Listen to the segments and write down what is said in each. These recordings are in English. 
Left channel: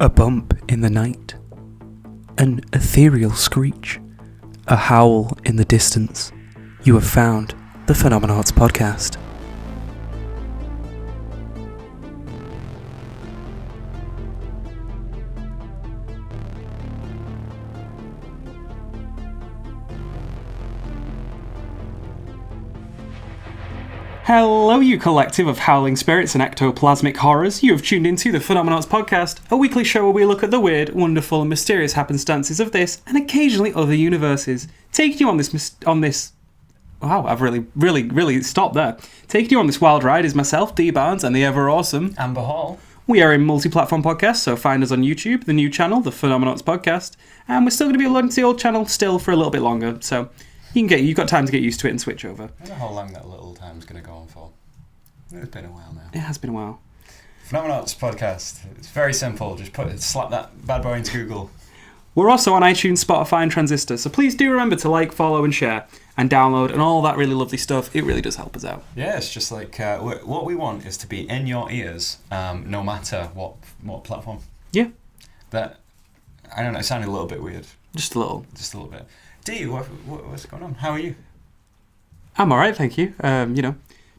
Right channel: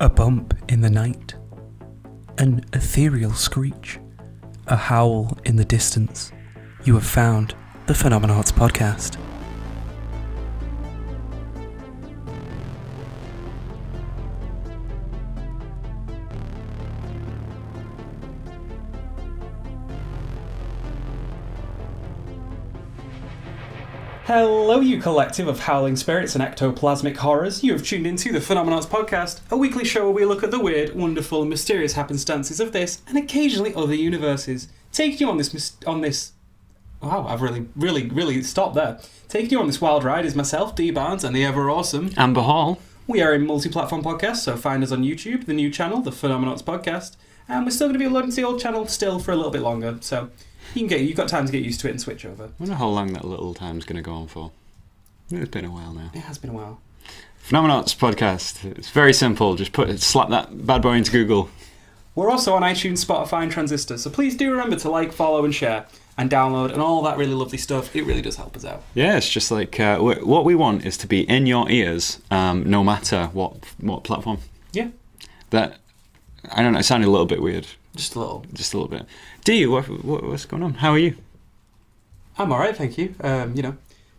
A bump in the night, an ethereal screech, a howl in the distance. You have found the Phenomenauts Podcast. Hello, you collective of howling spirits and ectoplasmic horrors. You have tuned into the Phenomenauts Podcast, a weekly show where we look at the weird, wonderful, and mysterious happenstances of this and occasionally other universes. Taking you on this. Wow, I've really stopped there. Taking you on this wild ride is myself, D Barnes, and the ever awesome Amber Hall. We are a multi-platform podcast, so find us on YouTube, the new channel, the Phenomenauts Podcast, and we're still going to be uploading to the old channel still for a little bit longer. So you've got time to get used to it and switch over. I wonder how long that little time's going to go on for. It's been a while now. It has been a while. Phenomenauts Podcast. It's very simple. Just slap that bad boy into Google. We're also on iTunes, Spotify, and Transistor, so please do remember to like, follow, and share, and download, and all that really lovely stuff. It really does help us out. Yeah, it's just like what we want is to be in your ears, no matter what platform. Yeah. That, I don't know, it sounded a little bit weird. Just a little bit. D, what's going on? How are you? I'm alright, thank you.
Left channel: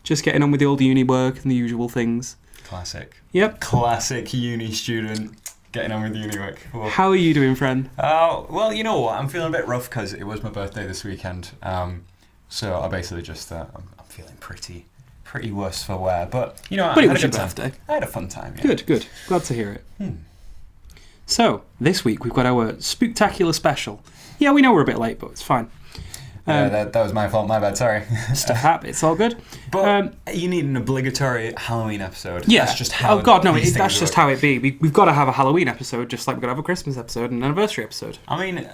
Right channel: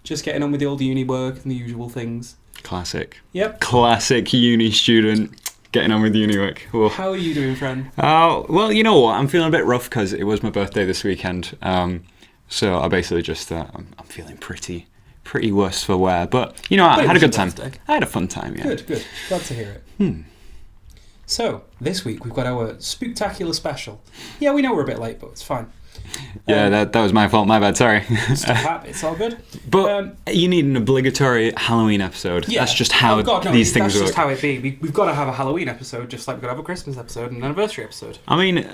Just getting on with the old uni work and the usual things. Classic. Yep. Classic uni student getting on with uni work. Whoa. How are you doing, friend? Oh, well, you know what? I'm feeling a bit rough because it was my birthday this weekend. So I basically just, I'm feeling pretty worse for wear. But, I had a good time. I had a fun time, yeah. Good. Glad to hear it. So, this week we've got our Spectackular special. Yeah, we know we're a bit late, but it's fine. Yeah, that was my fault. My bad. Sorry. It's all good. But you need an obligatory Halloween episode. Yeah. That's just how these things that's work. just how it be. We've got to have a Halloween episode, just like we've got to have a Christmas episode and an anniversary episode. I mean,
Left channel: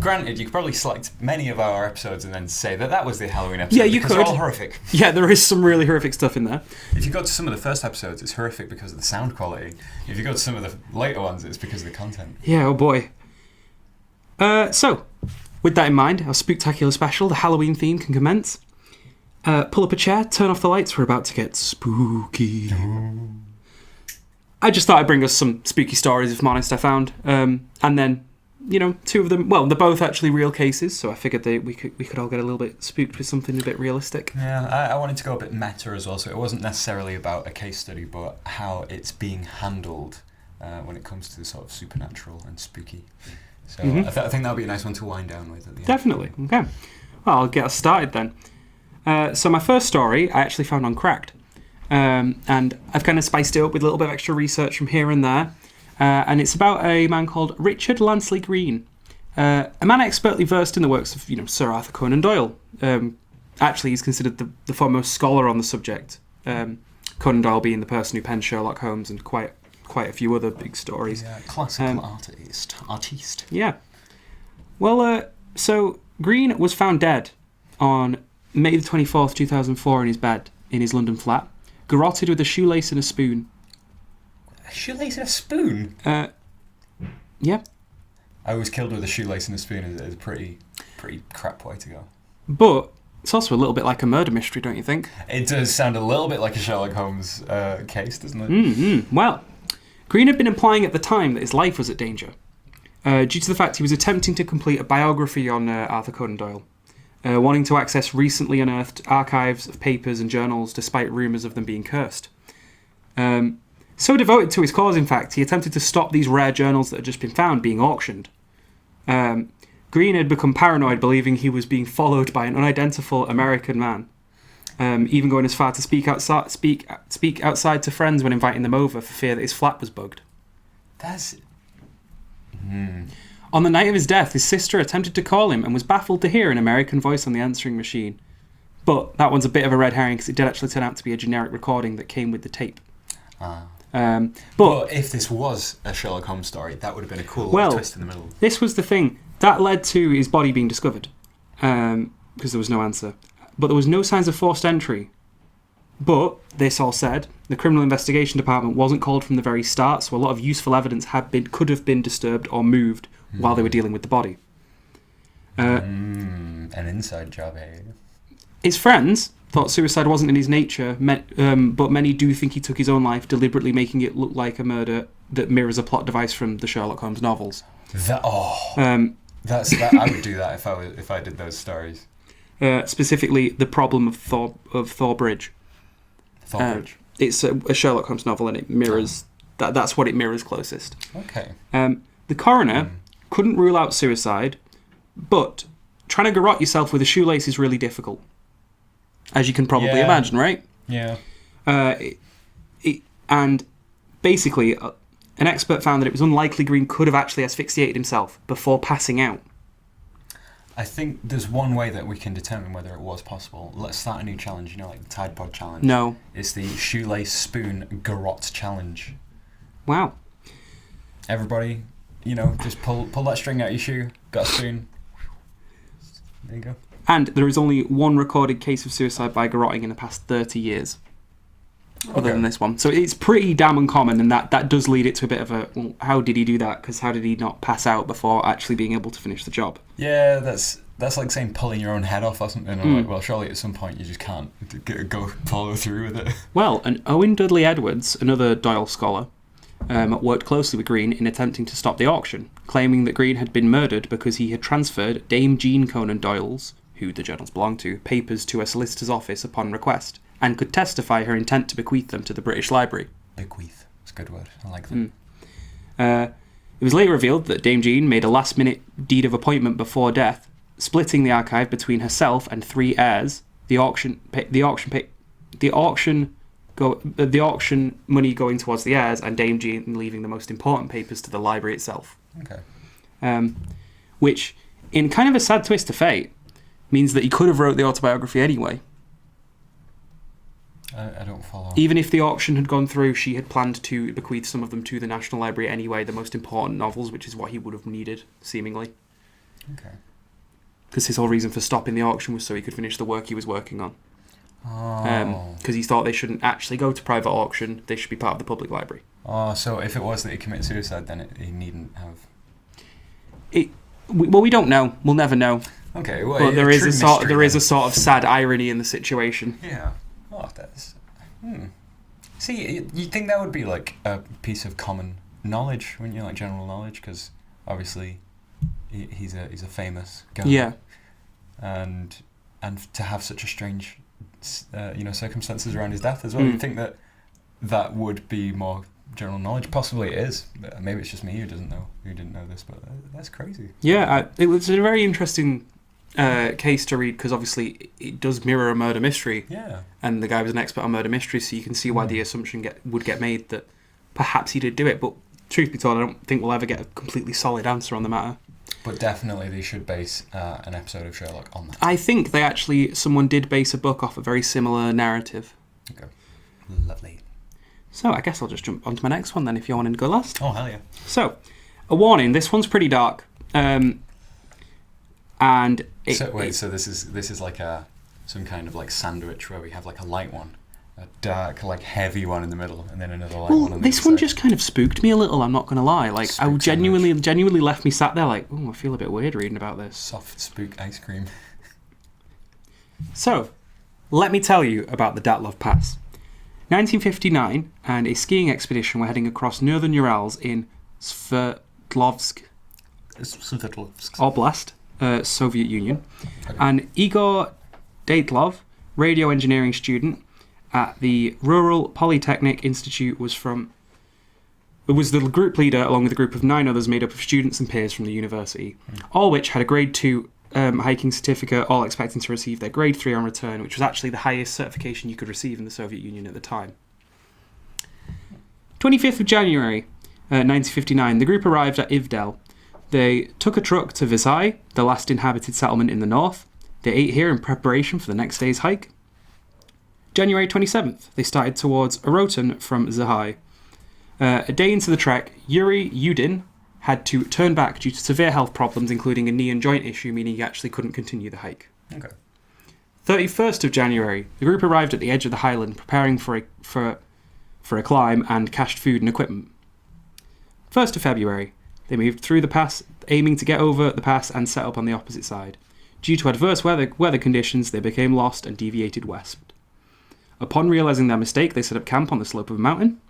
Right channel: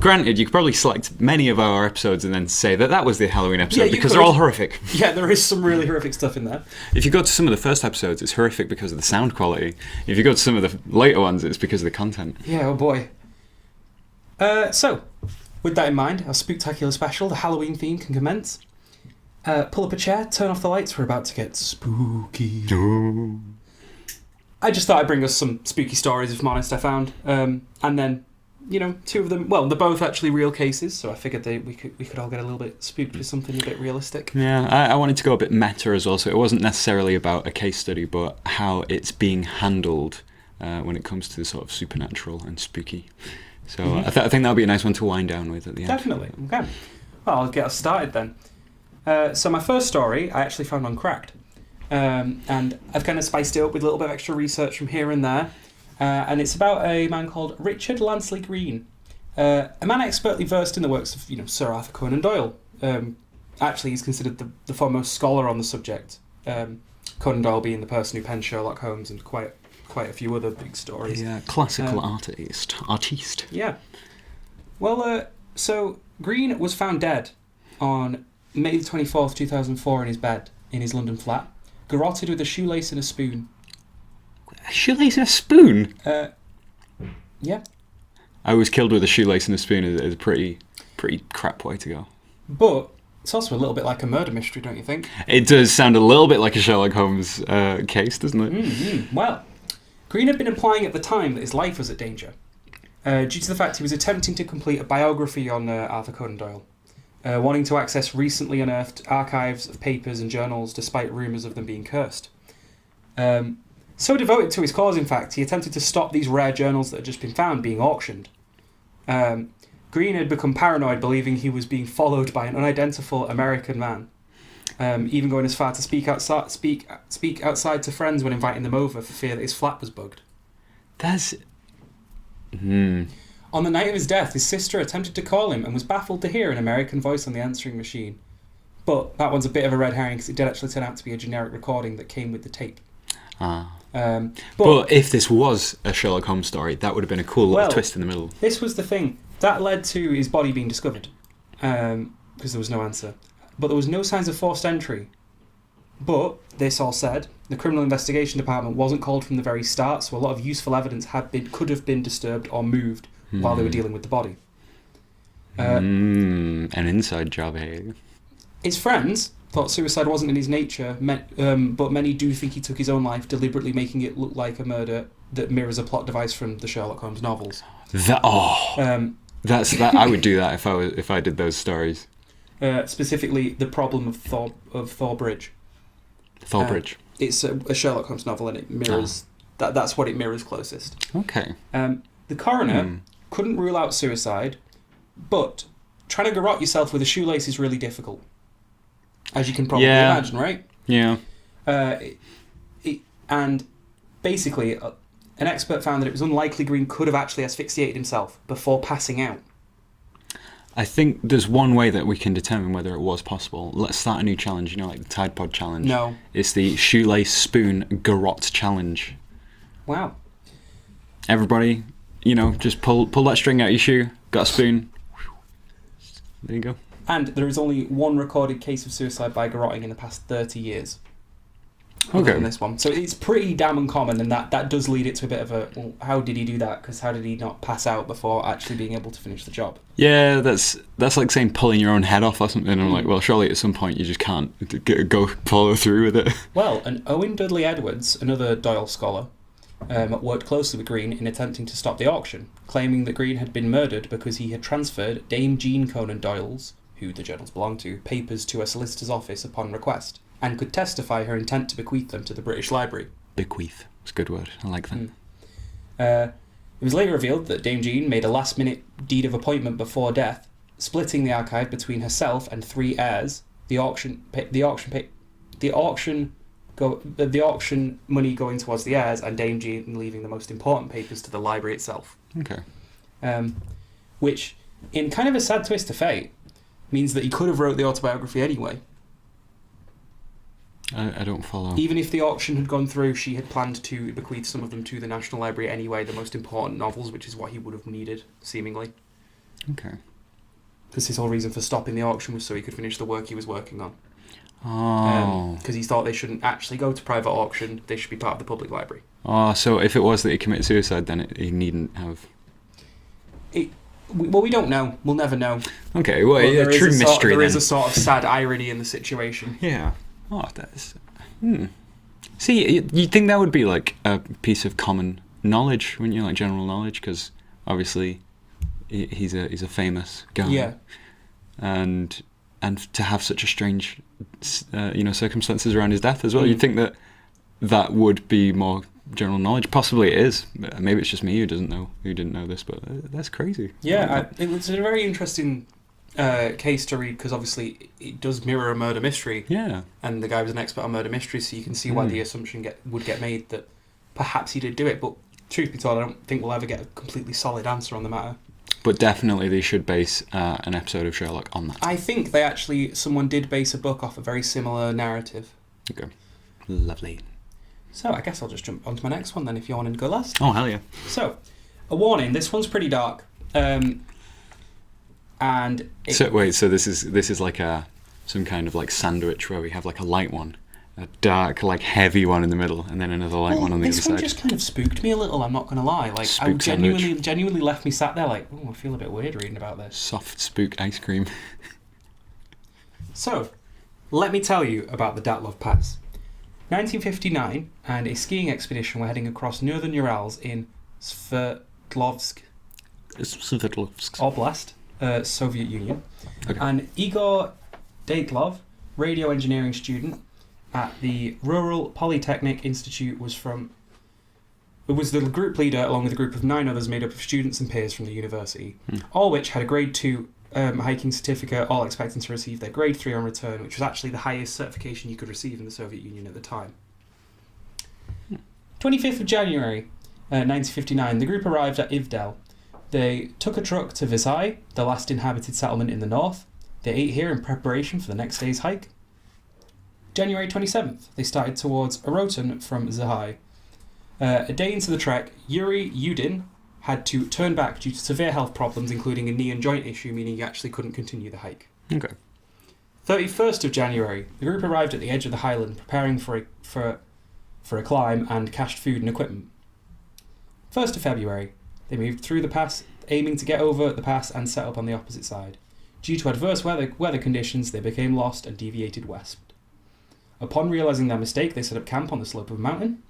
granted, you could probably select many of our episodes and then say that was the Halloween episode because they're all horrific. Yeah, there is some really horrific stuff in there. If you go to some of the first episodes, it's horrific because of the sound quality. If you go to some of the later ones, it's because of the content. Yeah, oh boy. So, with that in mind, our Spectackular special, the Halloween theme, can commence. Pull up a chair, turn off the lights, we're about to get spooky. I just thought I'd bring us some spooky stories, if I'm honest, I found. And then, two of them, well, they're both actually real cases, so I figured we could all get a little bit spooked with something a bit realistic. Yeah, I wanted to go a bit meta as well, so it wasn't necessarily about a case study, but how it's being handled when it comes to the sort of supernatural and spooky. So I think that'll be a nice one to wind down with at the end. Definitely. Okay. Well, I'll get us started then. So my first story I actually found on Cracked. And I've kind of spiced it up with a little bit of extra research from here and there. And it's about a man called Richard Lansley Green. A man expertly versed in the works of, Sir Arthur Conan Doyle. Actually, he's considered the foremost scholar on the subject. Conan Doyle being the person who penned Sherlock Holmes and quite a few other big stories. Yeah, classical artiste. Yeah. Well, so Green was found dead on May the 24th, 2004 in his bed in his London flat, garroted with a shoelace and a spoon. A shoelace and a spoon? Yeah. I was killed with a shoelace and a spoon is a pretty crap way to go. But it's also a little bit like a murder mystery, don't you think? It does sound a little bit like a Sherlock Holmes case, doesn't it? Mm-hmm. Well, Green had been implying at the time that his life was at danger, due to the fact he was attempting to complete a biography on Arthur Conan Doyle, wanting to access recently unearthed archives of papers and journals despite rumours of them being cursed. So devoted to his cause, in fact, he attempted to stop these rare journals that had just been found being auctioned. Green had become paranoid, believing he was being followed by an unidentifiable American man. Even going as far to speak outside to friends when inviting them over for fear that his flat was bugged. That's... On the night of his death, his sister attempted to call him and was baffled to hear an American voice on the answering machine. But that one's a bit of a red herring because it did actually turn out to be a generic recording that came with the tape. But if this was a Sherlock Holmes story, that would have been a cool little twist in the middle. This was the thing. That led to his body being discovered because there was no answer. But there was no signs of forced entry. But, this all said, the Criminal Investigation Department wasn't called from the very start, so a lot of useful evidence could have been disturbed or moved while they were dealing with the body. An inside job, hey? His friends thought suicide wasn't in his nature, but many do think he took his own life, deliberately making it look like a murder that mirrors a plot device from the Sherlock Holmes novels. That's that. I would do that if I did those stories. Specifically, the problem of Thor Bridge. Thor Bridge. It's a Sherlock Holmes novel, and it mirrors that's what it mirrors closest. Okay. The coroner couldn't rule out suicide, but trying to garrote yourself with a shoelace is really difficult, as you can probably imagine, right? Yeah. And basically, an expert found that it was unlikely Green could have actually asphyxiated himself before passing out. I think there's one way that we can determine whether it was possible. Let's start a new challenge, like the Tide Pod challenge. No. It's the shoelace spoon garrote challenge. Wow. Everybody, just pull that string out of your shoe, got a spoon. There you go. And there is only one recorded case of suicide by garroting in the past 30 years. Other than this one. So it's pretty damn uncommon, and that does lead it to a bit of a, well, how did he do that? Because how did he not pass out before actually being able to finish the job? Yeah, that's like saying pulling your own head off or something. I'm like, well, surely at some point you just can't go follow through with it. Well, and Owen Dudley Edwards, another Doyle scholar, worked closely with Green in attempting to stop the auction, claiming that Green had been murdered because he had transferred Dame Jean Conan Doyle's, who the journals belonged to, papers to a solicitor's office upon request, and could testify her intent to bequeath them to the British Library. Bequeath. It's a good word. I like that. It was later revealed that Dame Jean made a last-minute deed of appointment before death, splitting the archive between herself and 3 heirs. The auction money going towards the heirs, and Dame Jean leaving the most important papers to the library itself. Okay. Which, in kind of a sad twist of fate, means that he could have wrote the autobiography anyway. I don't follow. Even if the auction had gone through, she had planned to bequeath some of them to the National Library anyway, the most important novels, which is what he would have needed, seemingly. Okay. Because his whole reason for stopping the auction was so he could finish the work he was working on. Oh. Because he thought they shouldn't actually go to private auction, they should be part of the public library. Oh, so if it was that he committed suicide, then he needn't have... Well, we don't know. We'll never know. Okay, well, but there is a a sort of sad irony in the situation. Yeah. Oh, that's... See, you'd think that would be like a piece of common knowledge, wouldn't you? Like general knowledge, because obviously he's a famous guy. Yeah. And to have such a strange, circumstances around his death as well, you'd think that would be more general knowledge. Possibly it is. Maybe it's just me who didn't know this, but that's crazy. Yeah, it was a very interesting case to read, because obviously it does mirror a murder mystery. Yeah. And the guy was an expert on murder mysteries, so you can see why the assumption would get made that perhaps he did do it. But truth be told, I don't think we'll ever get a completely solid answer on the matter. But definitely they should base an episode of Sherlock on that. I think someone did base a book off a very similar narrative. Okay. Lovely. So I guess I'll just jump onto my next one then, if you're wanting to go last. Oh, hell yeah. So, a warning, this one's pretty dark. So this is like some kind of like sandwich where we have like a light one, a dark, like heavy one in the middle, and then another light one on the other side. This one just kind of spooked me a little, I'm not going to lie. Like, Spook genuinely left me sat there like, I feel a bit weird reading about this. Soft spook ice cream. So, let me tell you about the Dyatlov Pass. 1959, and a skiing expedition were heading across northern Urals in Sverdlovsk Oblast, Soviet Union. Okay. And Igor Dyatlov, radio engineering student at the Rural Polytechnic Institute, was the group leader along with a group of 9 others made up of students and peers from the university, all which had a grade 2 hiking certificate, all expecting to receive their grade 3 on return, which was actually the highest certification you could receive in the Soviet Union at the time. 25th of January 1959, the group arrived at Ivdel. They took a truck to Visay, the last inhabited settlement in the north. They ate here in preparation for the next day's hike. January 27th, they started towards Orotin from Zahai. A day into the trek, Yuri Yudin had to turn back due to severe health problems, including a knee and joint issue, meaning he actually couldn't continue the hike. Okay. 31st of January, the group arrived at the edge of the highland, preparing for a climb and cached food and equipment. 1st of February, they moved through the pass, aiming to get over the pass and set up on the opposite side. Due to adverse weather conditions, they became lost and deviated west. Upon realizing their mistake, they set up camp on the slope of a mountain.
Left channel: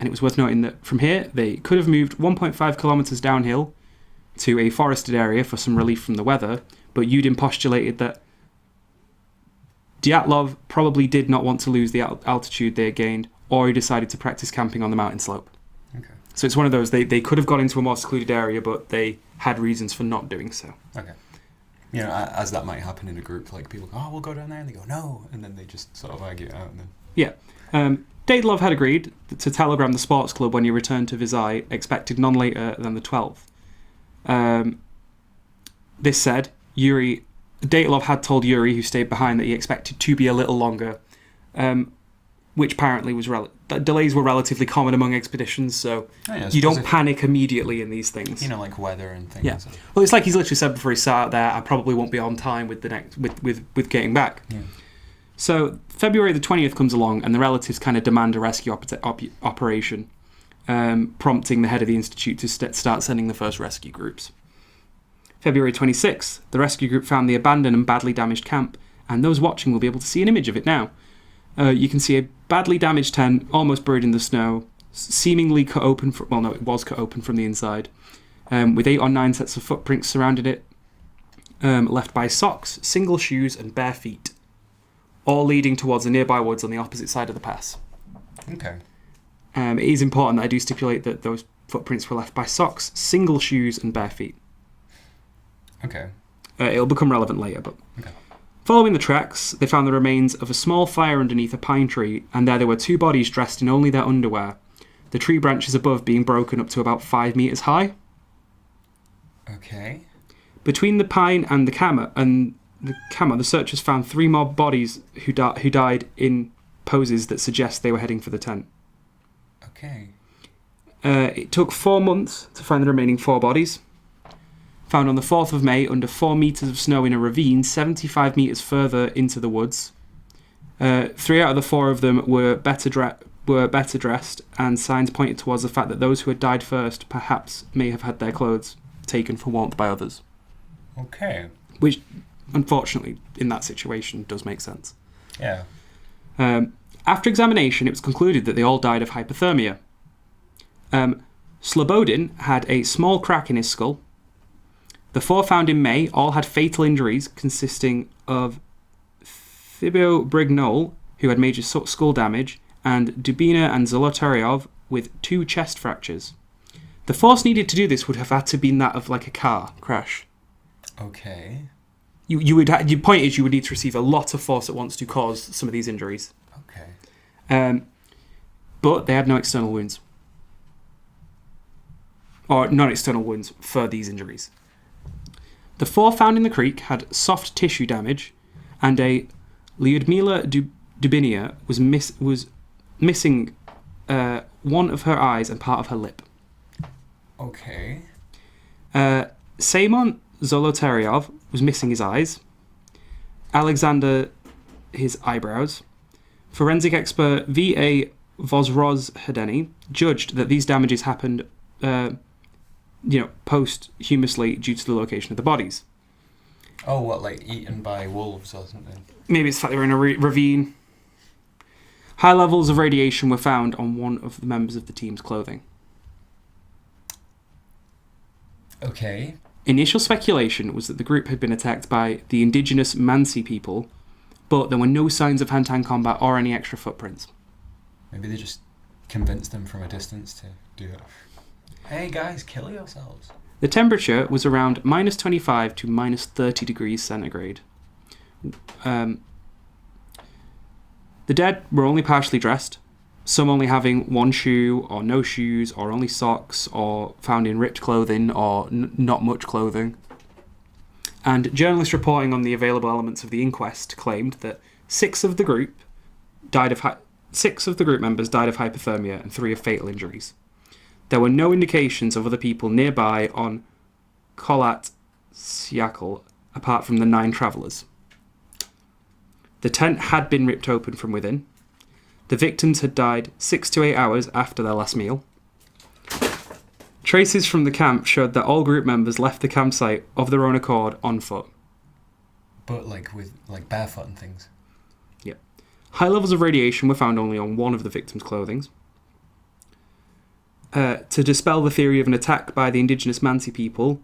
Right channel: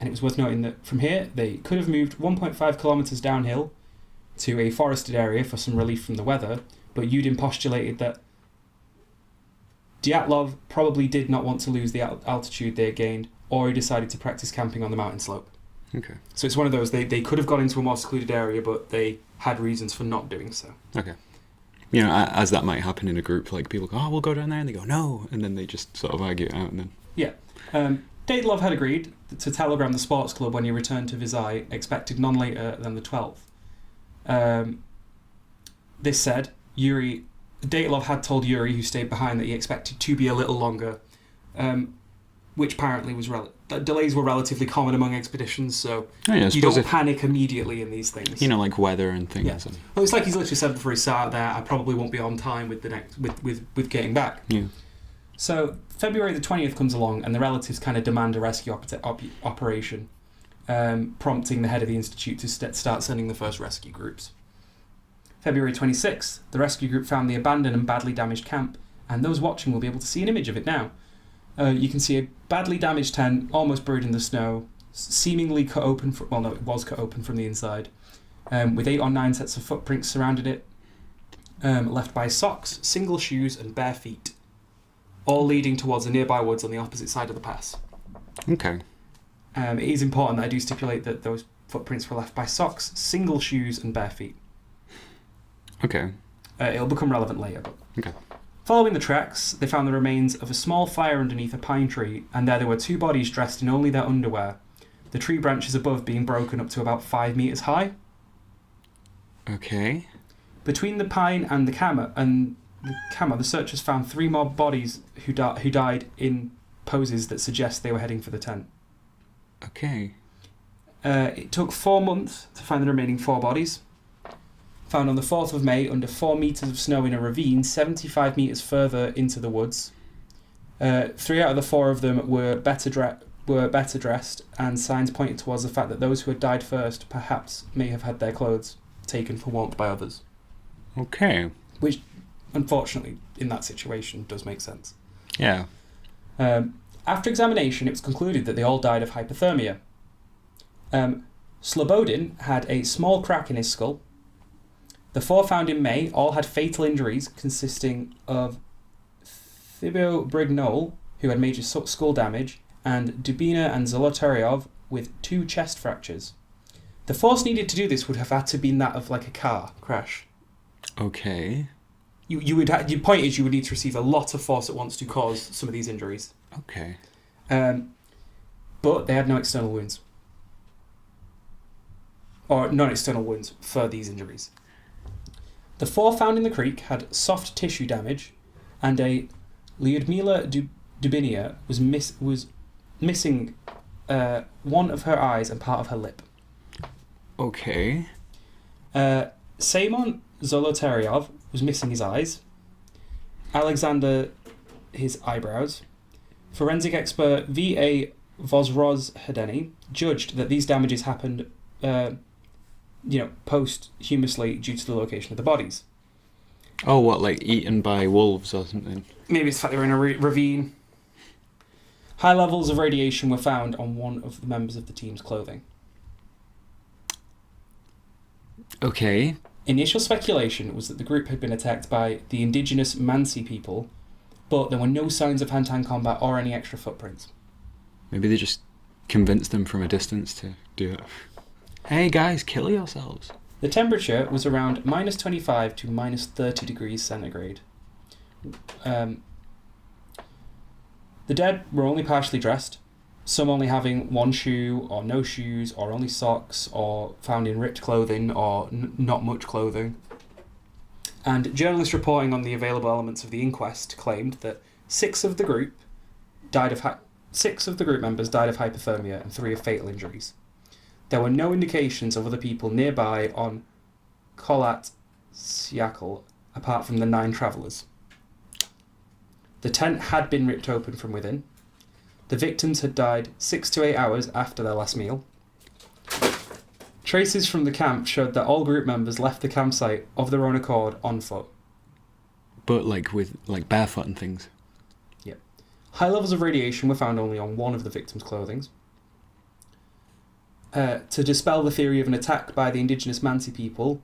And it was worth noting that from here, they could have moved 1.5 kilometres downhill to a forested area for some relief from the weather, but Yudin postulated that Dyatlov probably did not want to lose the altitude they had gained, or he decided to practice camping on the mountain slope. Okay. So it's one of those, they could have gone into a more secluded area, but they had reasons for not doing so. Okay. You know, as that might happen in a group, like people go, oh, we'll go down there, and they go, no, and then they just sort of argue it out, and then... Yeah. Dyatlov had agreed to telegram the sports club when he returned to Visay, expected none later than the 12th. This said, Dyatlov had told Yuri, who stayed behind, that he expected to be a little longer, which apparently was delays were relatively common among expeditions, so you don't panic immediately in these things. You know, like weather and things. Yeah. Well, it's like he's literally said before he sat out there, I probably won't be on time with with getting back. Yeah. So February the 20th comes along, and the relatives kind of demand a rescue operation, prompting the head of the institute to start sending the first rescue groups. February 26th, the rescue group found the abandoned and badly damaged camp, and those watching will be able to see an image of it now. You can see a badly damaged tent, almost buried in the snow, seemingly cut open it was cut open from the inside, with 8 or 9 sets of footprints surrounding it, left by socks, single shoes, and bare feet, all leading towards the nearby woods on the opposite side of the pass. Okay. It is important that I do stipulate that those footprints were left by socks, single shoes, and bare feet. Okay. It'll become relevant later, but... Okay. Following the tracks, they found the remains of a small fire underneath a pine tree, and there were 2 bodies dressed in only their underwear, the tree branches above being broken up to about 5 metres high. Okay. Between the pine and the camera, the searchers found 3 more bodies who died in poses that suggest they were heading for the tent. Okay. It took 4 months to find the remaining 4 bodies. Found on the 4th of May under 4 metres of snow in a ravine 75 metres further into the woods. 3 out of the 4 of them were better dressed, and signs pointed towards the fact that those who had died first perhaps may have had their clothes taken for warmth by others. Okay. Which, unfortunately, in that situation, does make sense. Yeah. After examination, it was concluded that they all died of hypothermia. Slobodin had a small crack in his skull. The 4 found in May all had fatal injuries consisting of Thibaut Brignol, who had major skull damage, and Dubina and Zolotaryov with 2 chest fractures. The force needed to do this would have had to been that of like a car crash. Okay. Your point is you would need to receive a lot of force at once to cause some of these injuries. Okay. But they had no external wounds. Or non-external wounds for these injuries. The 4 found in the creek had soft tissue damage, and a Lyudmila Dubinia was missing one of her eyes and part of her lip. Okay. Seymon Zolotaryov was missing his eyes. Alexander, his eyebrows. Forensic expert V.A. Vozrozhedeny judged that these damages happened posthumously due to the location of the bodies. Oh, what, like eaten by wolves or something? Maybe it's the fact they were in a ravine. High levels of radiation were found on one of the members of the team's clothing. Okay. Initial speculation was that the group had been attacked by the indigenous Mansi people, but there were no signs of hand-to-hand combat or any extra footprints. Maybe they just convinced them from a distance to do it. Hey guys, kill yourselves. The temperature was around minus 25 to minus 30 degrees centigrade. The dead were only partially dressed, some only having 1 shoe or no shoes or only socks or found in ripped clothing or not much clothing. And journalists reporting on the available elements of the inquest claimed that 6 of the group members died of hypothermia and 3 of fatal injuries. There were no indications of other people nearby on Kholat Syakhl apart from the 9 travellers. The tent had been ripped open from within. The victims had died 6 to 8 hours after their last meal. Traces from the camp showed that all group members left the campsite of their own accord on foot. But with barefoot and things? Yep. High levels of radiation were found only on one of the victims' clothing. To dispel the theory of an attack by the indigenous Mansi people,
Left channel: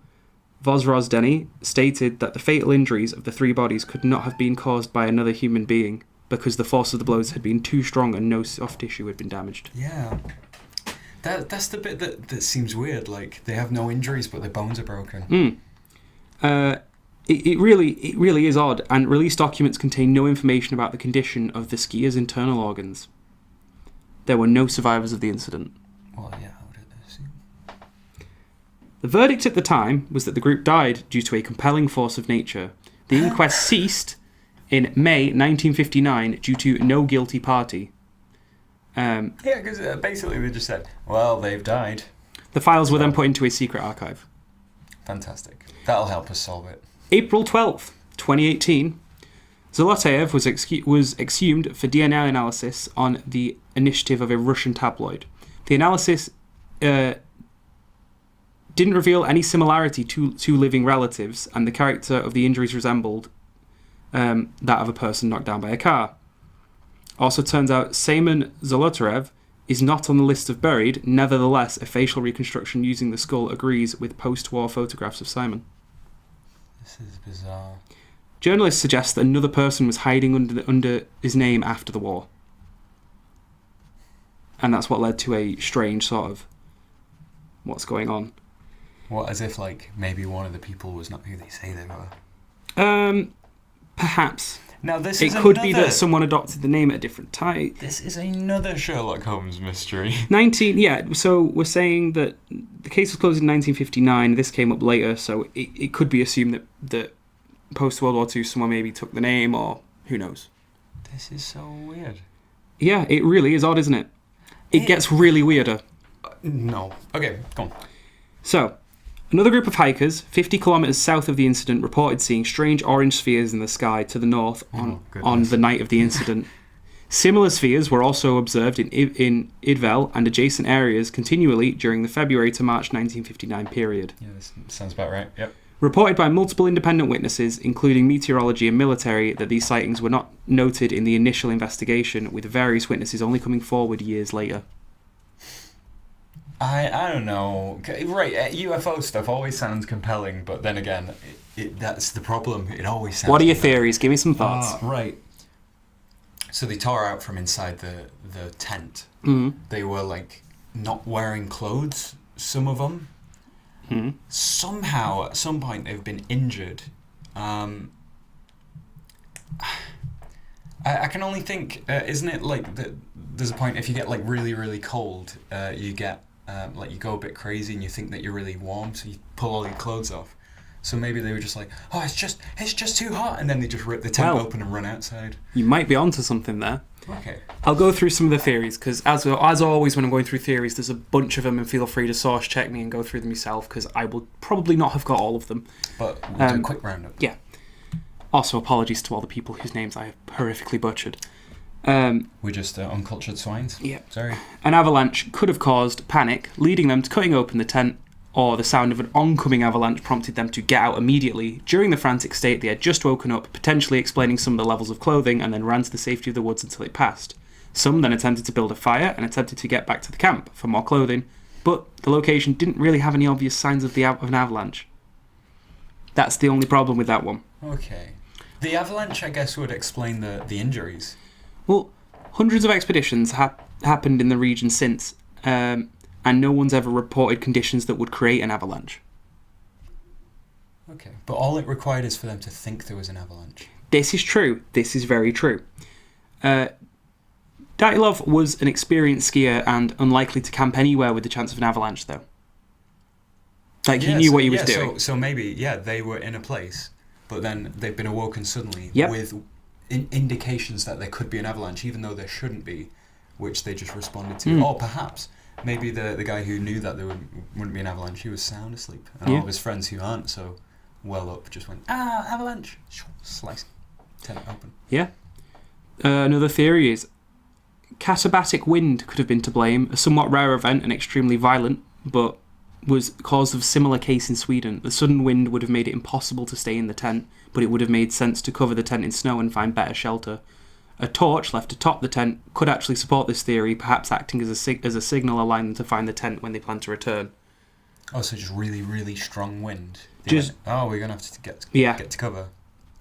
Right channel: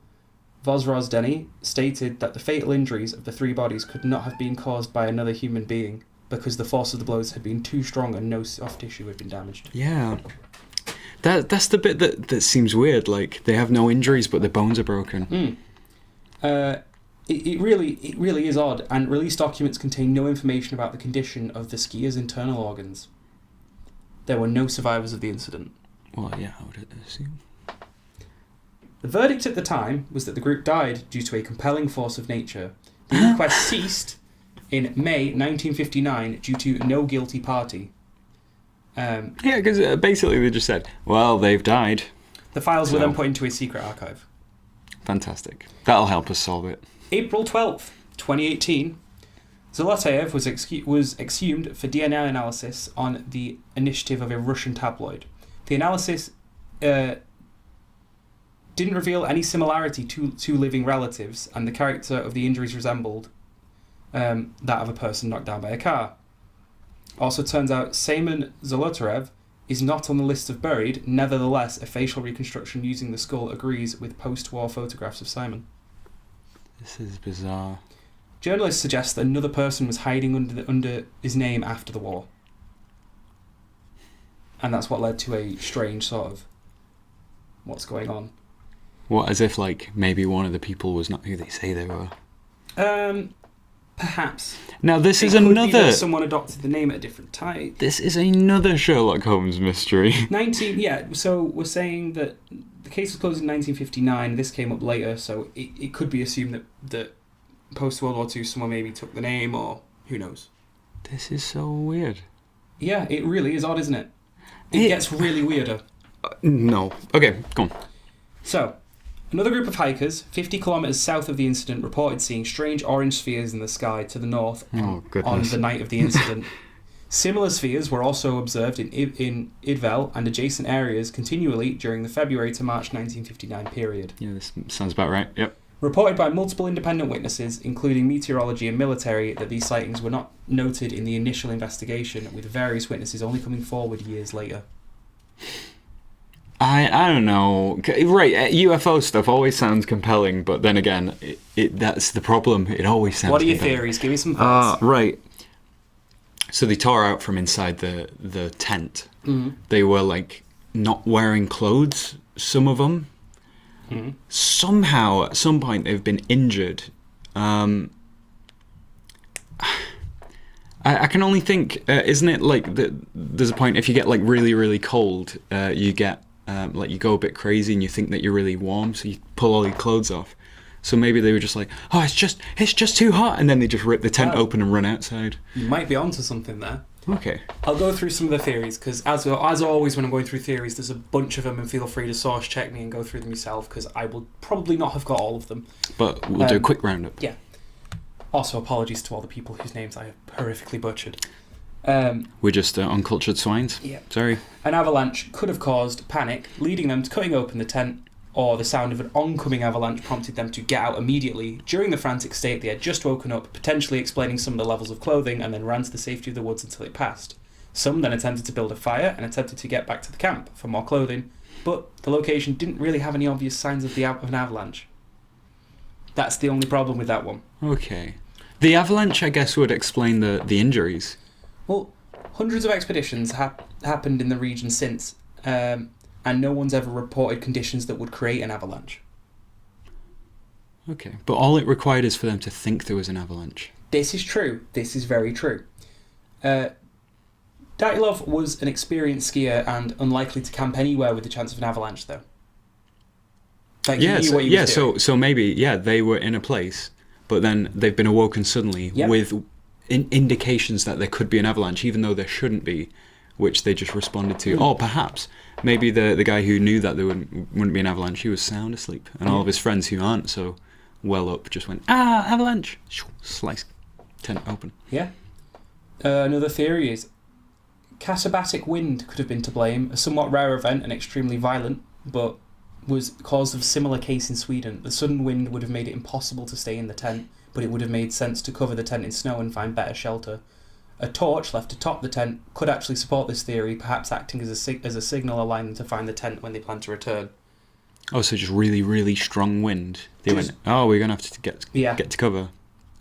Vozrozdeni stated that the fatal injuries of the 3 bodies could not have been caused by another human being because the force of the blows had been too strong and no soft tissue had been damaged. Yeah. That's the bit that seems weird. Like, they have no injuries, but their bones are broken. It really is odd, and released documents contain no information about the condition of the skiers' internal organs. There were no survivors of the incident. Well, yeah, I would assume. The verdict at the time was that the group died due to a compelling force of nature. The inquest ceased in May 1959 due to no guilty party. Yeah, because basically they just said, well, they've died. The files were then put into a secret archive. Fantastic. That'll help us solve it. April 12th, 2018, Zolotayev was exhumed for DNA analysis on the initiative of a Russian tabloid. The analysis didn't reveal any similarity to living relatives, and the character of the injuries resembled that of a person knocked down by a car. Also turns out Seymon Zolotayev is not on the list of buried. Nevertheless, a facial reconstruction using the skull agrees with post-war photographs of Simon. This is bizarre. Journalists suggest that another person was hiding under his name after the war. And that's what led to a strange sort of what's going on. What, as if, like, maybe one of the people was not who they say they were? Perhaps. Now, this is It another... could be that someone adopted the name at a different time. This is another Sherlock Holmes mystery. So we're saying that the case was closed in 1959. This came up later, so it could be assumed that post-World War II someone maybe took the name, or who knows. This is so weird. Yeah, it really is odd, isn't it? It gets really weirder. No. Okay, go on. So, another group of hikers, 50 kilometres south of the incident, reported seeing strange orange spheres in the sky to the north on the night of the incident. Similar spheres were also observed in Idvel and adjacent areas continually during the February to March 1959 period. Yeah, this sounds about right. Yep. Reported by multiple independent witnesses, including meteorology and military, that these sightings were not noted in the initial investigation, with various witnesses only coming forward years later. I don't know. Right, UFO stuff always sounds compelling, but then again, that's the problem. It always sounds What are your compelling. theories? Give me some thoughts. Right. So they tore out from inside the tent. Mm-hmm. They were, like, not wearing clothes, some of them. Mm-hmm. Somehow, at some point, they've been injured. I can only think, isn't it like there's a point if you get like really, really cold, you get like you go a bit crazy and you think that you're really warm, so you pull all your clothes off. So maybe they were just like, oh, it's just too hot, and then they just rip the tent open and run outside. You might be onto something there. Okay. I'll go through some of the theories, because as always when I'm going through theories, there's a bunch of them, and feel free to source check me and go through them yourself, because I will probably not have got all of them. But we'll do a quick roundup. Yeah. Also, apologies to all the people whose names I have horrifically butchered. We're just uncultured swines. Yeah. Sorry. An avalanche could have caused panic, leading them to cutting open the tent, or the sound of an oncoming avalanche prompted them to get out immediately. During the frantic state, they had just woken up, potentially explaining some of the levels of clothing, and then ran to the safety of the woods until it passed. Some then attempted to build a fire and attempted to get back to the camp for more clothing, but the location didn't really have any obvious signs of an avalanche. That's the only problem with that one. Okay. The avalanche, I guess, would explain the injuries. Well, hundreds of expeditions happened in the region since, and no one's ever reported conditions that would create an avalanche. Okay. But all it required is for them to think there was an avalanche. This is true. This is very true. Dyatlov was an experienced skier and unlikely to camp anywhere with the chance of an avalanche, though. Like, he knew what he was doing. So maybe, they were in a place, but then they've been awoken suddenly with indications that there could be an avalanche, even though there shouldn't be, which they just responded to. Or perhaps, maybe the guy who knew that there wouldn't be an avalanche, he was sound asleep. And all of his friends who aren't so well up just went, avalanche! Slice. Tent open. Yeah. Another theory is Katabatic wind could have been to blame, a somewhat rare event and extremely violent, but was caused of similar case in Sweden. The sudden wind would have made it impossible to stay in the tent, but it would have made sense to cover the tent in snow and find better shelter. A torch left atop the tent could actually support this theory, perhaps acting as a signal allowing them to find the tent when they plan to return. Oh, so just really, really strong wind. We're going to have to get to cover.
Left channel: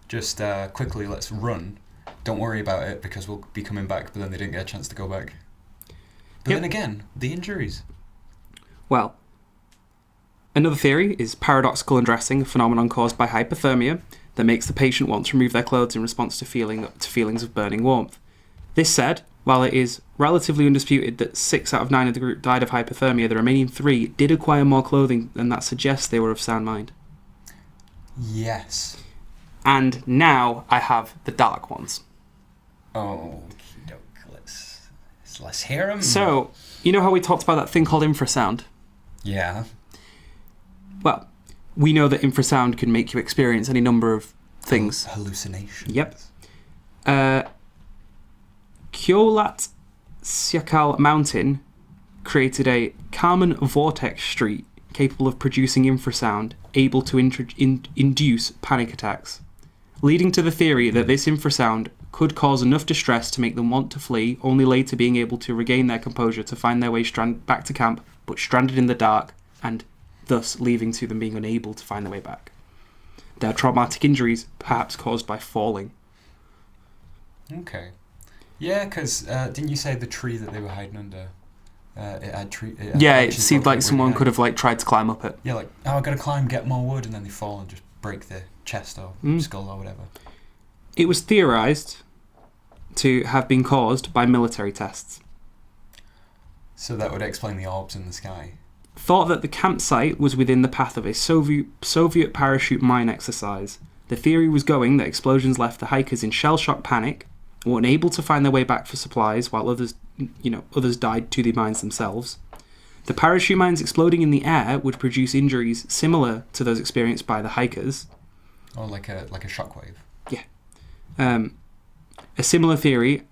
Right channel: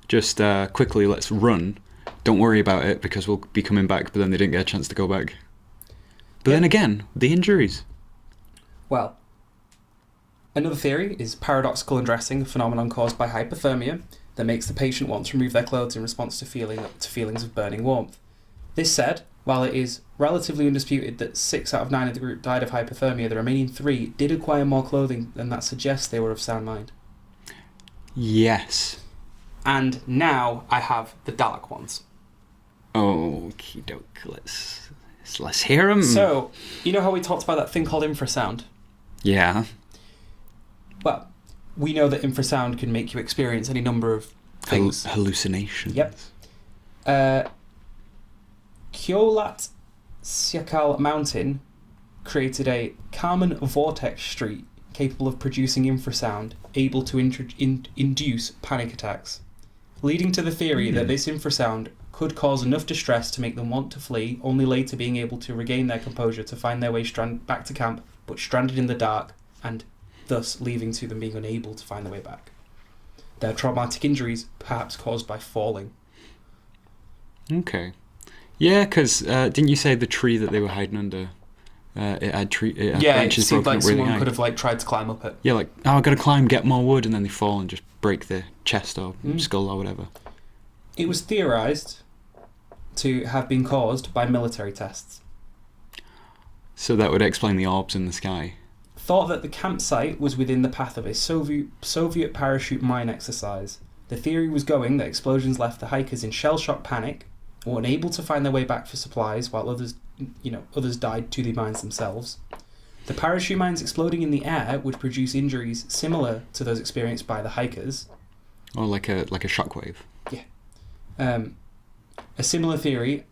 Just quickly, let's run. Don't worry about it because we'll be coming back, but then they didn't get a chance to go back. But then again, the injuries. Well, another theory is paradoxical undressing, a phenomenon caused by hypothermia that makes the patient want to remove their clothes in response to feelings of burning warmth. This said, while it is relatively undisputed that 6 out of 9 of the group died of hypothermia, the remaining 3 did acquire more clothing, and that suggests they were of sound mind. Yes. And now I have the dark ones. Okie doke, let's hear them. So, you know how we talked about that thing called infrasound? Yeah. Well, we know that infrasound can make you experience any number of things. Hallucinations. Yep. Dyatlov Mountain created a Kármán vortex street capable of producing infrasound, able to induce panic attacks, leading to the theory that this infrasound could cause enough distress to make them want to flee, only later being able to regain their composure to find their way back to camp, but stranded in the dark, and thus leading to them being unable to find their way back. Their traumatic injuries, perhaps caused by falling. Okay. Yeah, because didn't you say the tree that they were hiding under? It seemed like someone could have tried to climb up it. Yeah, I've got to climb, get more wood, and then they fall and just break their chest or skull or whatever. It was theorized to have been caused by military tests. So that would explain the orbs in the sky. Thought that the campsite was within the path of a Soviet parachute mine exercise. The theory was going that explosions left the hikers in shell-shock panic, were unable to find their way back for supplies, while others died to the mines themselves. The parachute mines exploding in the air would produce injuries similar to those experienced by the hikers. Oh, like a shockwave. Yeah. A similar theory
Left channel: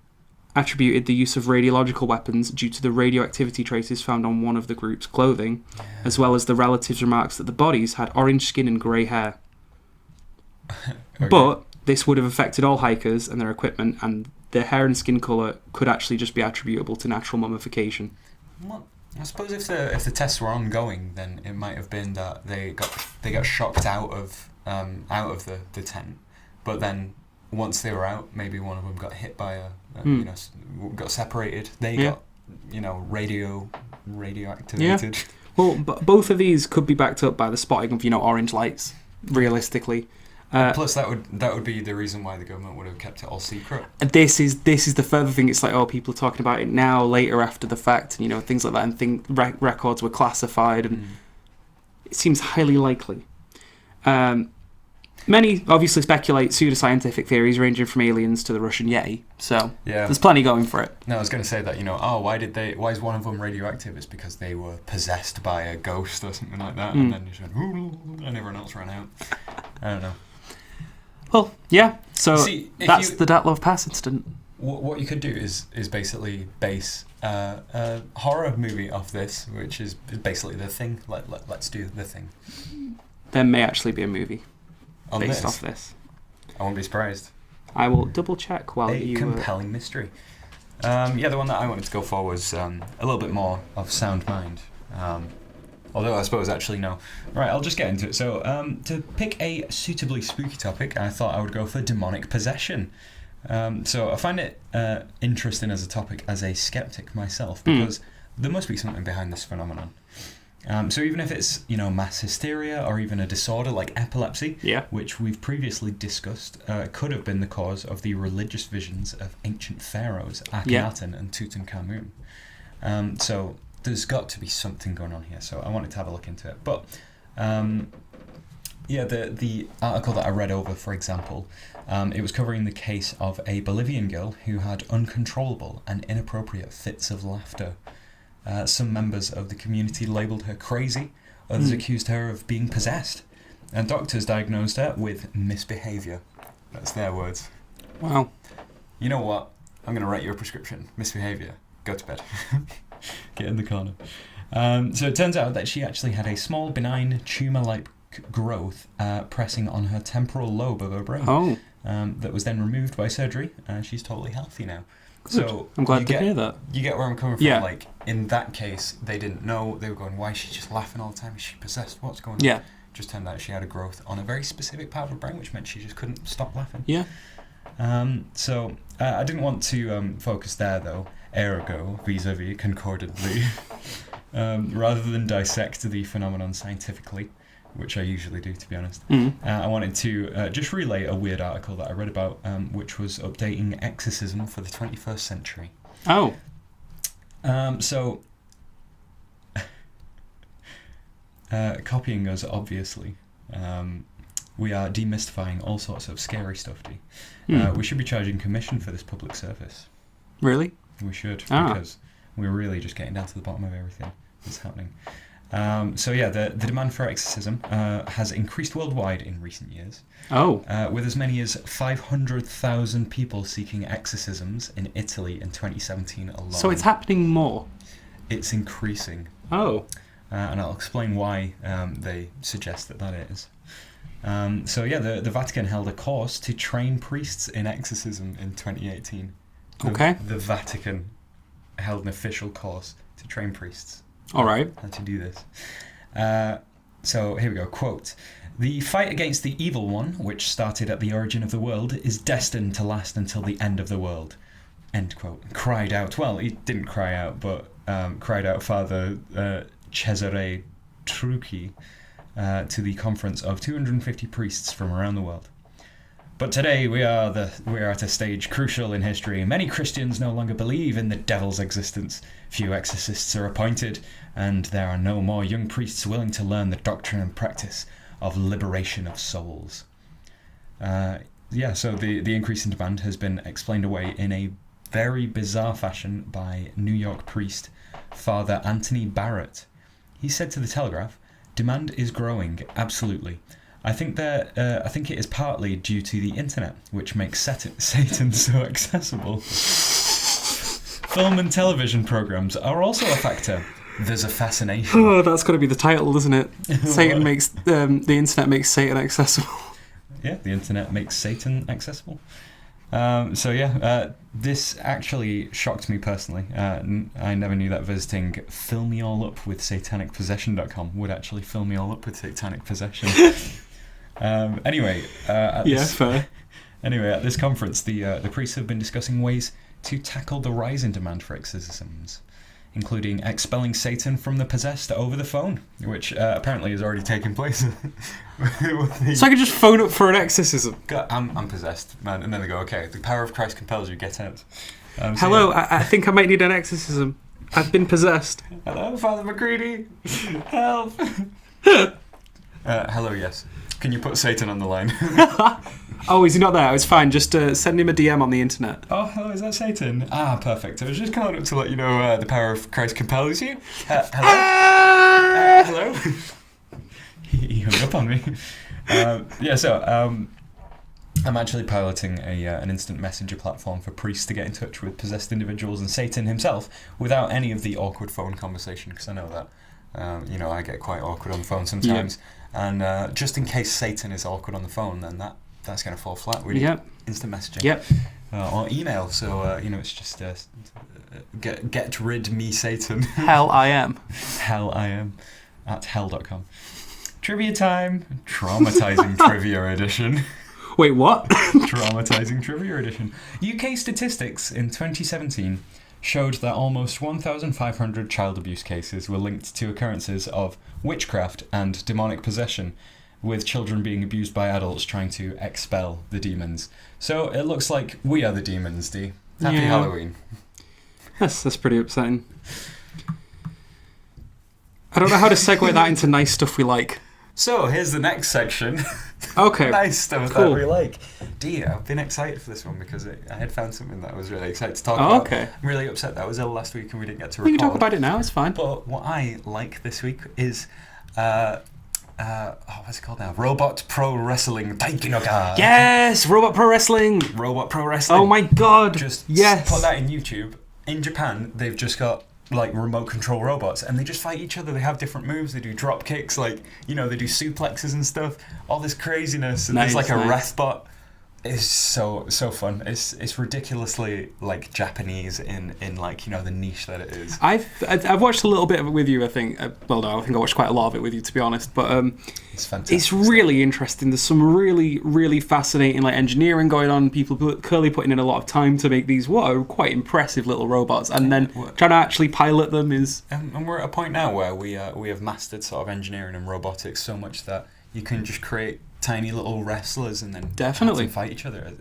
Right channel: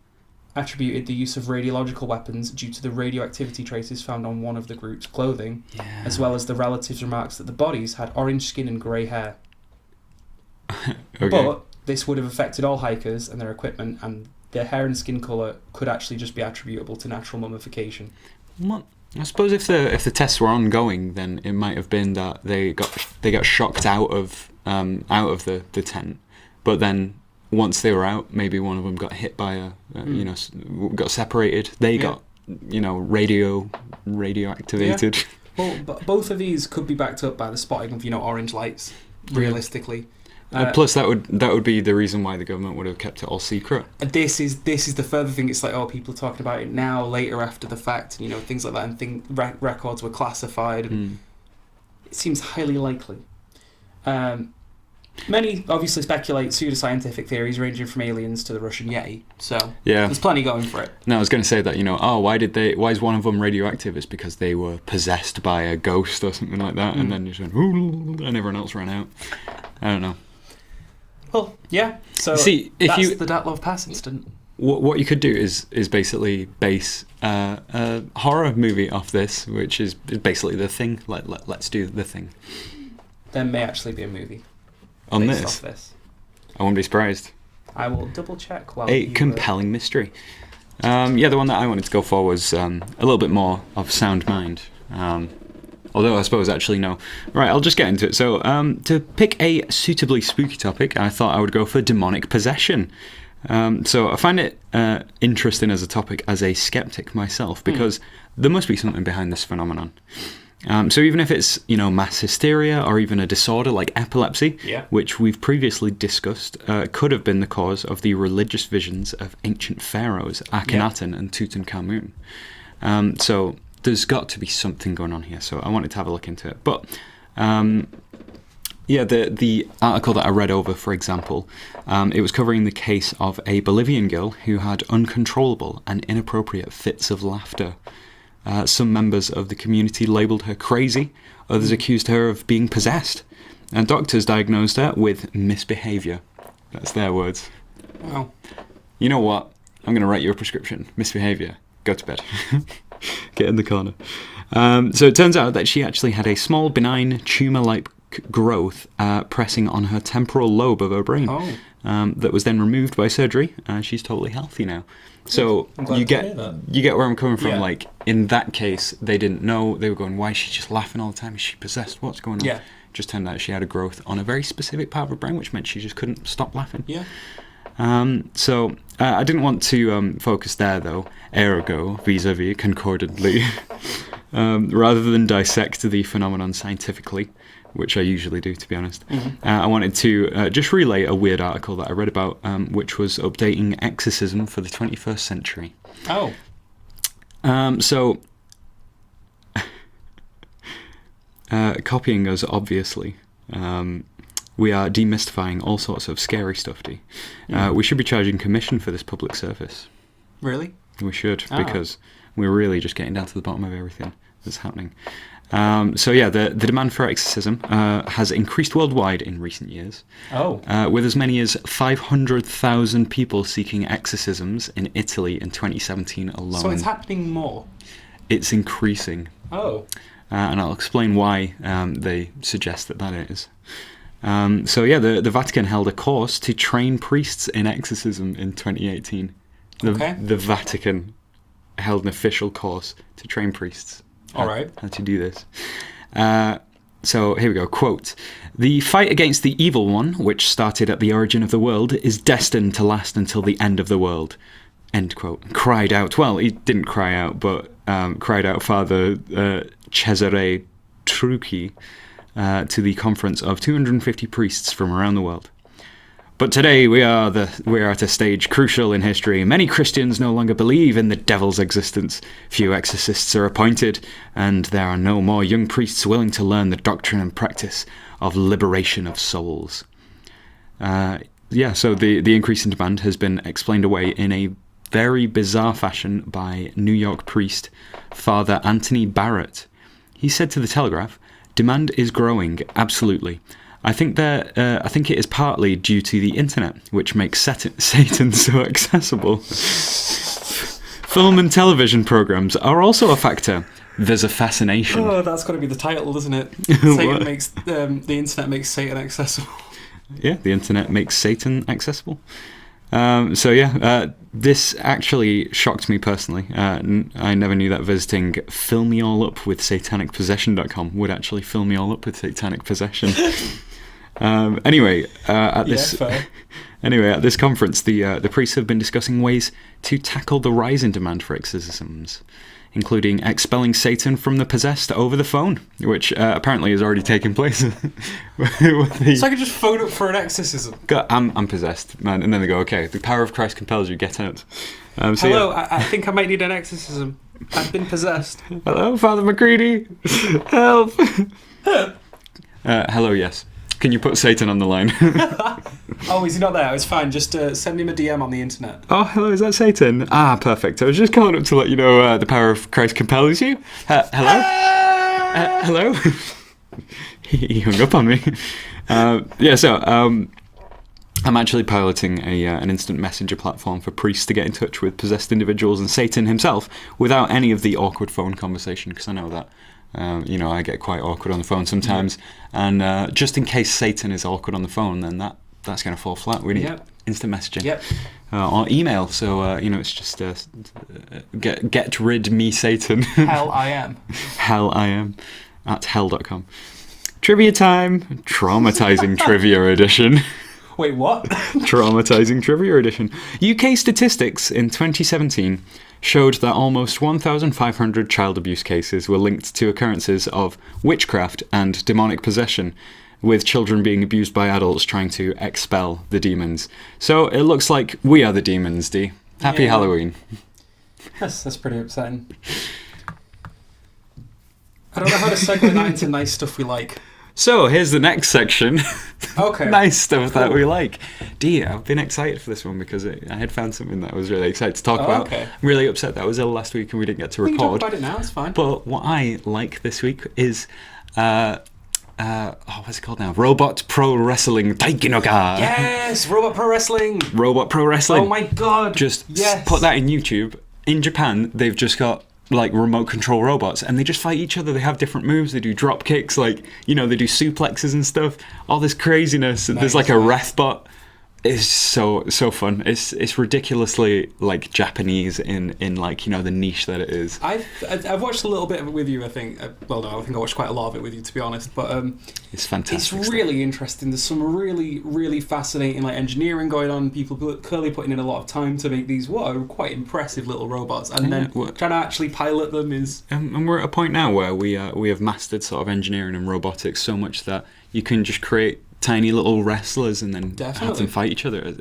attributed the use of radiological weapons due to the radioactivity traces found on one of the group's clothing, as well as the relatives' remarks that the bodies had orange skin and grey hair. Okay. But this would have affected all hikers and their equipment, and their hair and skin colour could actually just be attributable to natural mummification. Well, I suppose if the tests were ongoing, then it might have been that they got shocked out of the tent, but then once they were out, maybe one of them got hit by got separated. They got radioactivated. Yeah. Well, both of these could be backed up by the spotting of orange lights. Realistically. Plus, that would be the reason why the government would have kept it all secret. This is the further thing. It's like, people are talking about it now, later, after the fact, and things like that, and records were classified, and it seems highly likely. Many obviously speculate pseudoscientific theories ranging from aliens to the Russian Yeti, so there's plenty going for it. No, I was going to say that, why is one of them radioactive? It's because they were possessed by a ghost or something like that, and then just went, and everyone else ran out. I don't know. Well, yeah, so that's the Dyatlov Pass Incident. What you could do is basically base a horror movie off this, which is basically The Thing. Let's do The Thing. There may actually be a movie based off this. I won't be surprised. I will double check while you... A compelling mystery. The one that I wanted to go for was a little bit more of sound mind. Although I suppose actually no. Right, I'll just get into it. So to pick a suitably spooky topic, I thought I would go for demonic possession. So I find it interesting as a topic as a skeptic myself, because there must be something behind this phenomenon. So even if it's, mass hysteria or even a disorder like epilepsy, which we've previously discussed, could have been the cause of the religious visions of ancient pharaohs, Akhenaten and Tutankhamun. So there's got to be something going on here. So I wanted to have a look into it. But the article that I read over, for example, it was covering the case of a Bolivian girl who had uncontrollable and inappropriate fits of laughter. Some members of the community labelled her crazy. Others accused her of being possessed. And doctors diagnosed her with misbehaviour. That's their words. Wow. You know what? I'm going to write you a prescription. Misbehaviour. Go to bed. Get in the corner. So it turns out that she actually had a small, benign, tumour-like growth pressing on her temporal lobe of her brain. Oh. that was then removed by surgery, and she's totally healthy now. So I'm glad to hear that. You get where I'm coming from. Yeah. Like, in that case, they didn't know. They were going, why is she just laughing all the time? Is she possessed? What's going on? Yeah. Just turned out she had a growth on a very specific part of her brain, which meant she just couldn't stop laughing. Yeah. So I didn't want to focus there, though, ergo, vis-a-vis, concordantly, rather than dissect the phenomenon scientifically, which I usually do, to be honest. I wanted to just relay a weird article that I read about, which was updating exorcism for the 21st century. Oh. So, copying us, obviously. We are demystifying all sorts of scary stuff, D. We should be charging commission for this public service. Really? We should, because we're really just getting down to the bottom of everything that's happening. The demand for exorcism has increased worldwide in recent years. Oh. With as many as 500,000 people seeking exorcisms in Italy in 2017 alone. So it's happening more? It's increasing. Oh. And I'll explain why they suggest that is. The Vatican held a course to train priests in exorcism in 2018. The Vatican held an official course to train priests. All right. How to do this. So here we go. Quote, "The fight against the evil one, which started at the origin of the world, is destined to last until the end of the world." End quote. Cried out. Well, he didn't cry out, but cried out Father Cesare Trucchi to the conference of 250 priests from around the world. "But today we are at a stage crucial in history. Many Christians no longer believe in the devil's existence. Few exorcists are appointed, and there are no more young priests willing to learn the doctrine and practice of liberation of souls." So the increase in demand has been explained away in a very bizarre fashion by New York priest Father Anthony Barrett. He said to the Telegraph, "Demand is growing, absolutely. I think it is partly due to the internet, which makes Satan so accessible. Film and television programs are also a factor. There's a fascination." Oh, that's got to be the title, isn't it? Satan makes the internet makes Satan accessible. Yeah, the internet makes Satan accessible. This actually shocked me personally. I never knew that visiting fillmeallup.satanicpossession.com would actually fill me all up with satanic possession. At this conference, the priests have been discussing ways to tackle the rise in demand for exorcisms, including expelling Satan from the possessed over the phone, which apparently has already taken place. So I could just phone up for an exorcism. I'm possessed, man, and then they go, "Okay, the power of Christ compels you, get out." Hello, I think I might need an exorcism. I've been possessed. Hello, Father McCready. Help. Hello, yes. Can you put Satan on the line? Oh, is he not there? It's fine. Just send him a DM on the internet. Oh, hello, is that Satan? Ah, perfect. I was just calling up to let you know the power of Christ compels you. Hello? Hello? He hung up on me. I'm actually piloting an instant messenger platform for priests to get in touch with possessed individuals and Satan himself without any of the awkward phone conversation, because I know that. I get quite awkward on the phone sometimes, and just in case Satan is awkward on the phone, then that's going to fall flat. We need instant messaging or email. So it's just get rid me Satan. Hell I am. Hell I am at hell.com. Trivia time. Traumatizing trivia edition. Wait, what? Traumatizing trivia edition. UK statistics in 2017 showed that almost 1,500 child abuse cases were linked to occurrences of witchcraft and demonic possession, with children being abused by adults trying to expel the demons. So it looks like we are the demons, D. Happy Halloween. That's pretty upsetting. I don't know how to segue that into nice stuff we like. So here's the next section. Okay. Nice stuff that we like. Dear, I've been excited for this one because I had found something that I was really excited to talk about. Okay. I'm really upset that I was ill last week and we didn't get to record. We can talk about it now, it's fine. But what I like this week is what's it called now? Robot Pro Wrestling Taikinoga. Yes! Robot Pro Wrestling! Robot Pro Wrestling. Oh my god! Just yes. Put that in YouTube. In Japan, they've just got remote control robots and they just fight each other. They have different moves. They do drop kicks, they do suplexes and stuff. All this craziness. And there's a ref bot. It's so fun. It's ridiculously like Japanese in like, you know, the niche that it is. I've watched a little bit of it with you. I think. Well, no, I think I watched quite a lot of it with you, to be honest. But it's fantastic. It's really interesting. There's some really fascinating like engineering going on. People clearly putting in a lot of time to make these what are quite impressive little robots, and then trying to actually pilot them is. And we're at a point now where we have mastered sort of engineering and robotics so much that you can just create tiny little wrestlers and then have them fight each other.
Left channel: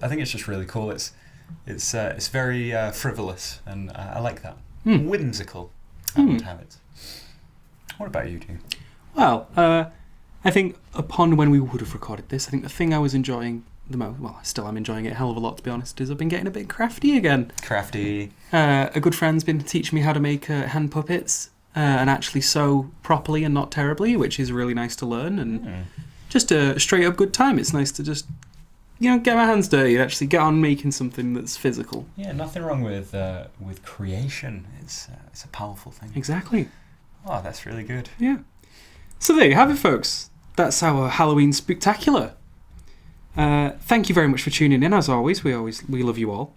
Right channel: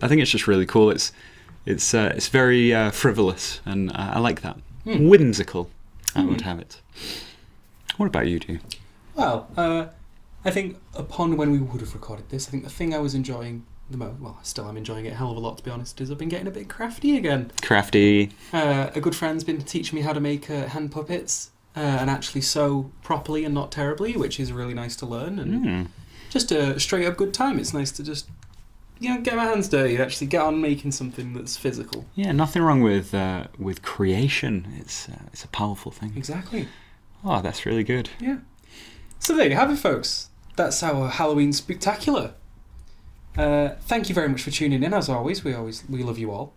I think it's just really cool. It's very frivolous, and I like that. Whimsical. I would have it. What about you, do? Well, I think upon when we would have recorded this, I think the thing I was enjoying the most, well, I still am enjoying it a hell of a lot, to be honest, is I've been getting a bit crafty again. Crafty. A good friend's been teaching me how to make hand puppets and actually sew properly and not terribly, which is really nice to learn. And just a straight up good time. It's nice to just, you know, get my hands dirty and actually get on making something that's physical. Yeah, nothing wrong with creation. It's a powerful thing. Exactly. Oh, that's really good. Yeah. So there you have it, folks. That's our Halloween Spectackular. Thank you very much for tuning in. As always, we love you all.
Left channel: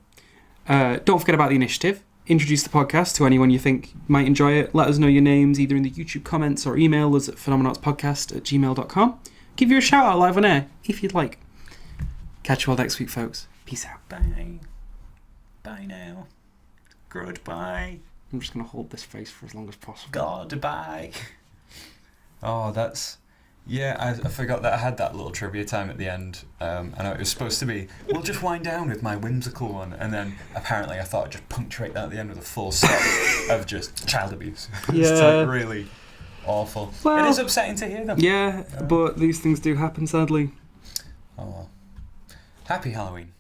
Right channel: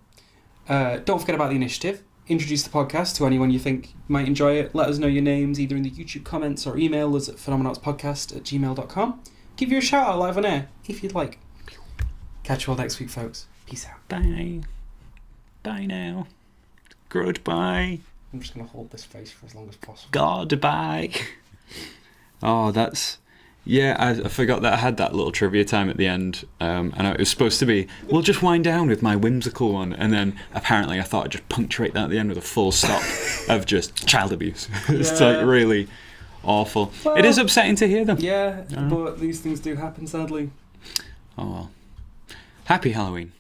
Don't forget about the initiative. Introduce the podcast to anyone you think might enjoy it. Let us know your names either in the YouTube comments or email us at phenomenautspodcast@gmail.com. Give you a shout out live on air if you'd like. Catch you all next week, folks. Peace out. Bye. Bye now. Goodbye. I'm just going to hold this face for as long as possible. Goodbye. Oh, that's... Yeah, I forgot that I had that little trivia time at the end, and it was supposed to be, we'll just wind down with my whimsical one, and then apparently I thought I'd just punctuate that at the end with a full stop of just child abuse. It's like really awful. Well, it is upsetting to hear them. Yeah, but these things do happen, sadly. Oh well. Happy Halloween.